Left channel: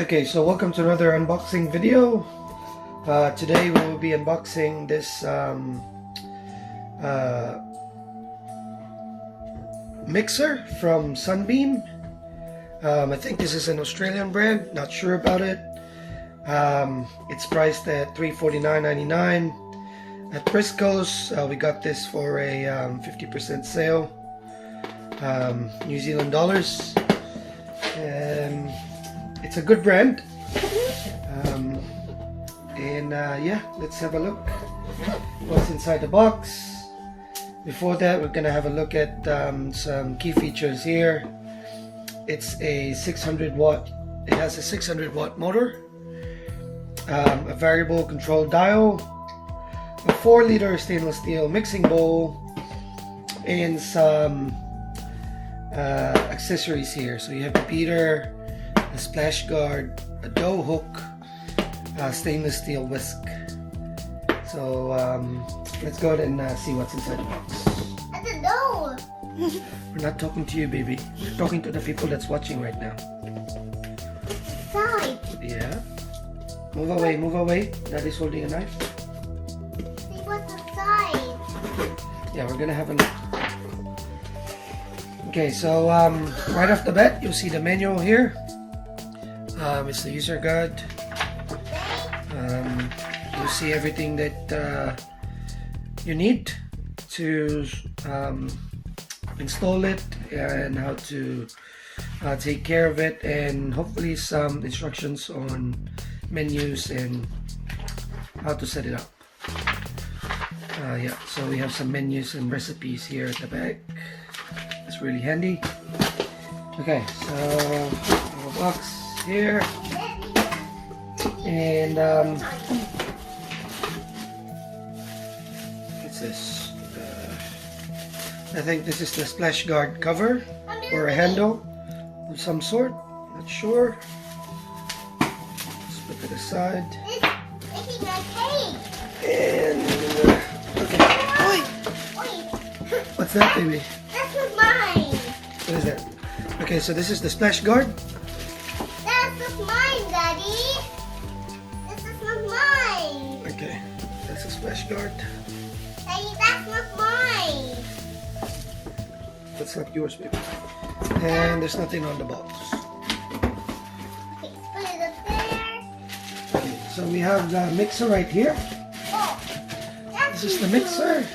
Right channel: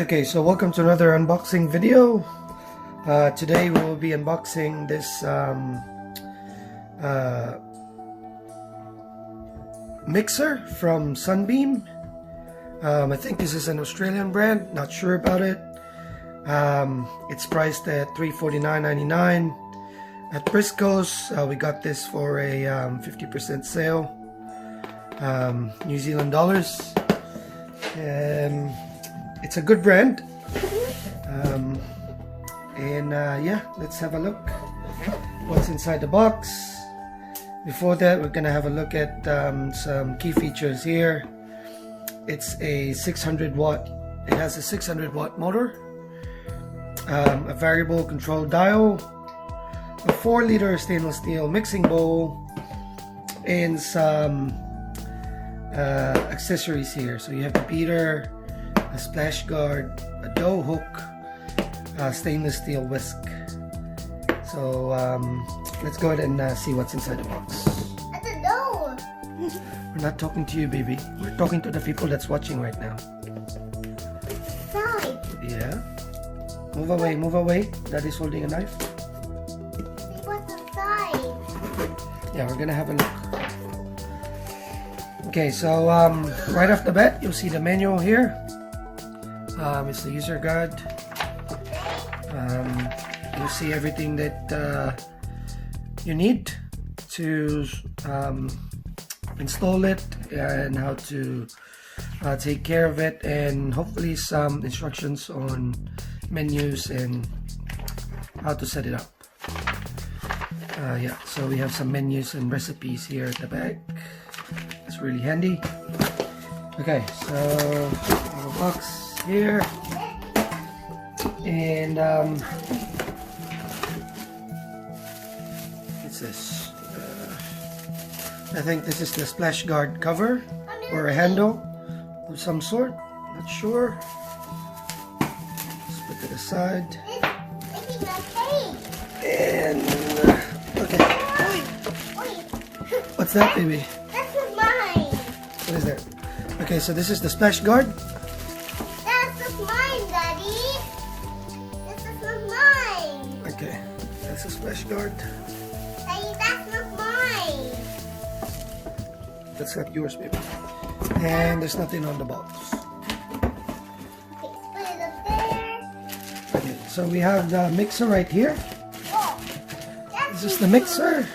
Okay, so welcome to another unboxing video. Today we will be unboxing this mixer from Sunbeam. I think this is an Australian brand, not sure about it. It's priced at $349.99 at Briscoe's. We got this for a 50% sale, New Zealand dollars. It's a good brand, yeah, let's have a look what's inside the box. Before that, we're gonna have a look at some key features here. It's a 600 watt, it has a 600 watt motor, a variable control dial, a 4-liter stainless steel mixing bowl, and some accessories here. So you have a beater, a splash guard, a dough hook, a stainless steel whisk. So let's go ahead and see what's inside the box. I don't know. We're not talking to you, baby. We're talking to the people that's watching right now. Side. Yeah. Move away, move away. Daddy's holding a knife. See what's inside. Yeah, we're gonna have a look. Okay, so right off the bat, you'll see the manual here. It's the user guide. You'll see everything that you need to install it and how to take care of it, and hopefully some instructions on menus and how to set it up. Yeah, so we have some menus and recipes here at the back. It's really handy. Okay, so our box here, and what's this? I think this is the splash guard cover or a handle of some sort. Not sure. Let's put it aside. It's making a cake. And okay. Wait. What's that, baby? This is mine. What is that? Okay, so this is the splash guard. This is mine, Daddy. This is not mine. Okay, that's the splash guard. Daddy, that's not mine. That's not yours, baby. And there's nothing on the box. Okay, put it up there. Okay, so we have the mixer right here. Oh, This is the mixer.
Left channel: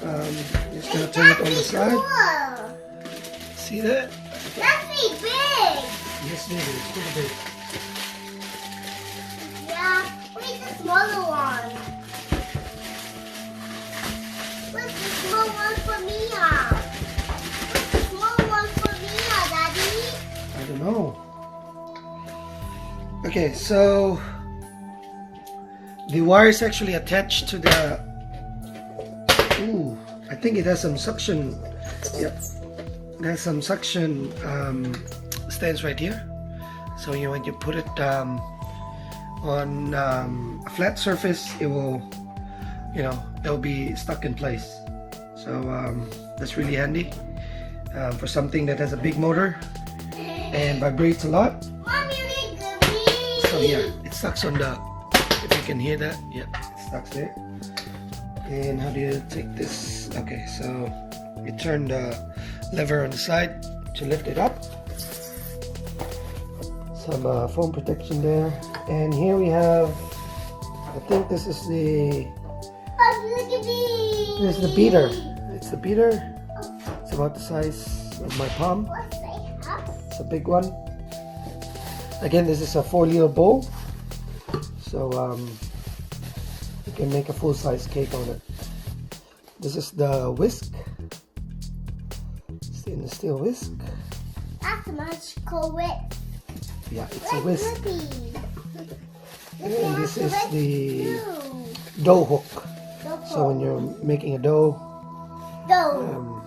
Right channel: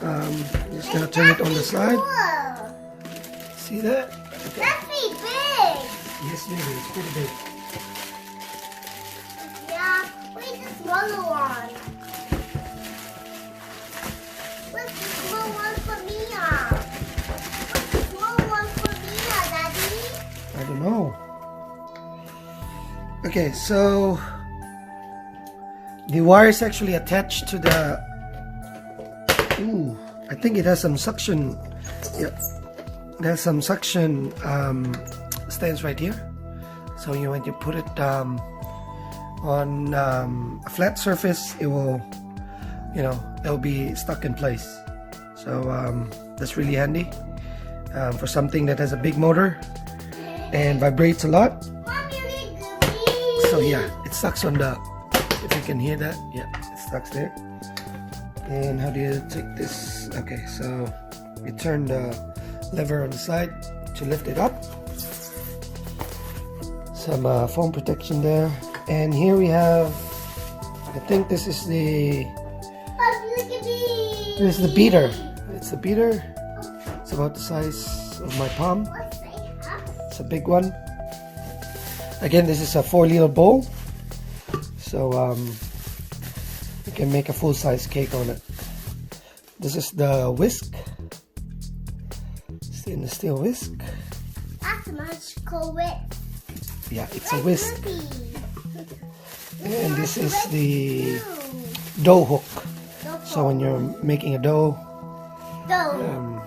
Just gonna turn it on the side. Cool. See that? That's pretty big. Yes, baby, it's pretty big. Yeah, where's the smaller one? Where's the small one for Mia? Where's the small one for Mia, Daddy? I don't know. Okay, so the wire is actually attached to the. Ooh, I think it has some suction. Yep, it has some suction stands right here. So when you put it on a flat surface, it will, it'll be stuck in place. So that's really handy for something that has a big motor and vibrates a lot. Mommy, read the So yeah, it sucks on the, if you can hear that, yeah, it sucks there. And how do you take this? Okay, so you turn the lever on the side to lift it up. Some foam protection there. And here we have, I think this is the, Oh, look at me. this is the beater. It's the beater. It's about the size of my palm. What's that? It's a big one. Again, this is a 4-liter bowl, so you can make a full-size cake on it. This is the whisk, stainless steel whisk. That's much cool with. Yeah, it's a whisk. And this is the the dough hook. So when you're making a dough, dough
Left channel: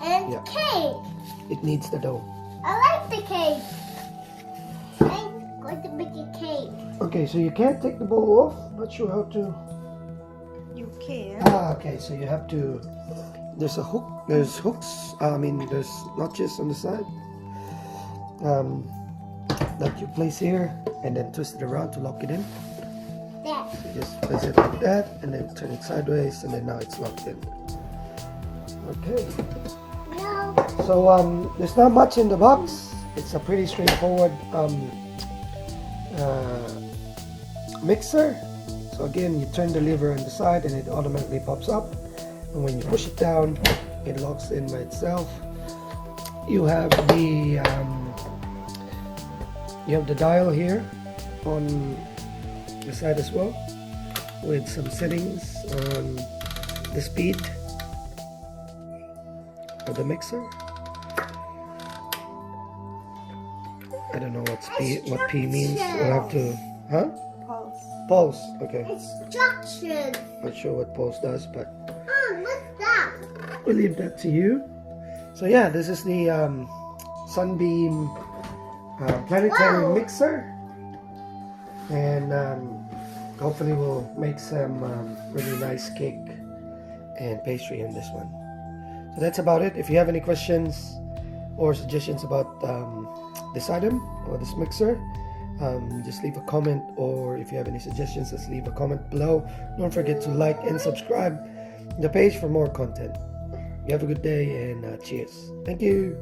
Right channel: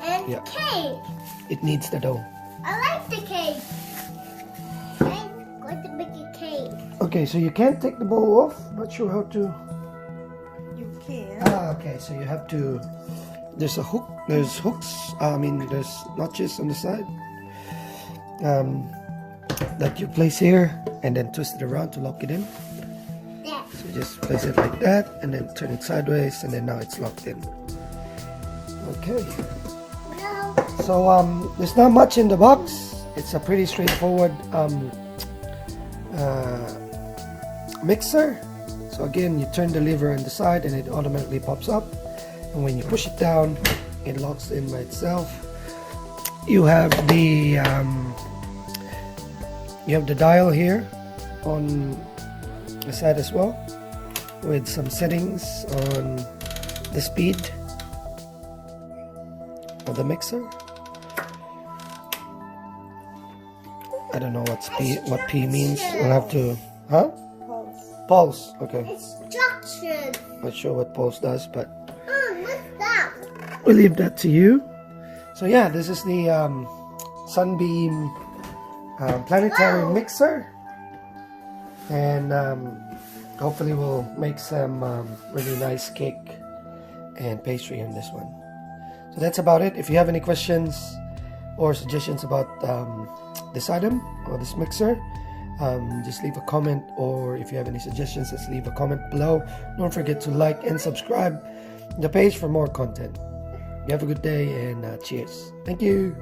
and yeah. cake. it needs the dough. I like the cake. I'm going to make a cake. Okay, so you can't take the bowl off. Not sure how to. You can. Okay, so you have to. There's a hook. There's hooks. There's notches on the side. that you place here and then twist it around to lock it in. There. So you just place it like that and then turn it sideways, and then now it's locked in. Okay. No. So there's not much in the box. It's a pretty straightforward mixer. So again, you turn the lever on the side and it automatically pops up, and when you push it down, it locks in by itself. You have the dial here on the side as well, with some settings on the speed of the mixer. I don't know what P means. We'll have to, Pulse. Okay. Instructions. Not sure what pulse does, but What's that? we'll leave that to you. So yeah, this is the Sunbeam planetary Wow. mixer, and hopefully we'll make some really nice cake and pastry in this one. So that's about it. If you have any questions or suggestions about this item or this mixer, just leave a comment, or if you have any suggestions, just leave a comment below. Don't forget to like and subscribe the page for more content. You have a good day, and cheers. Thank you.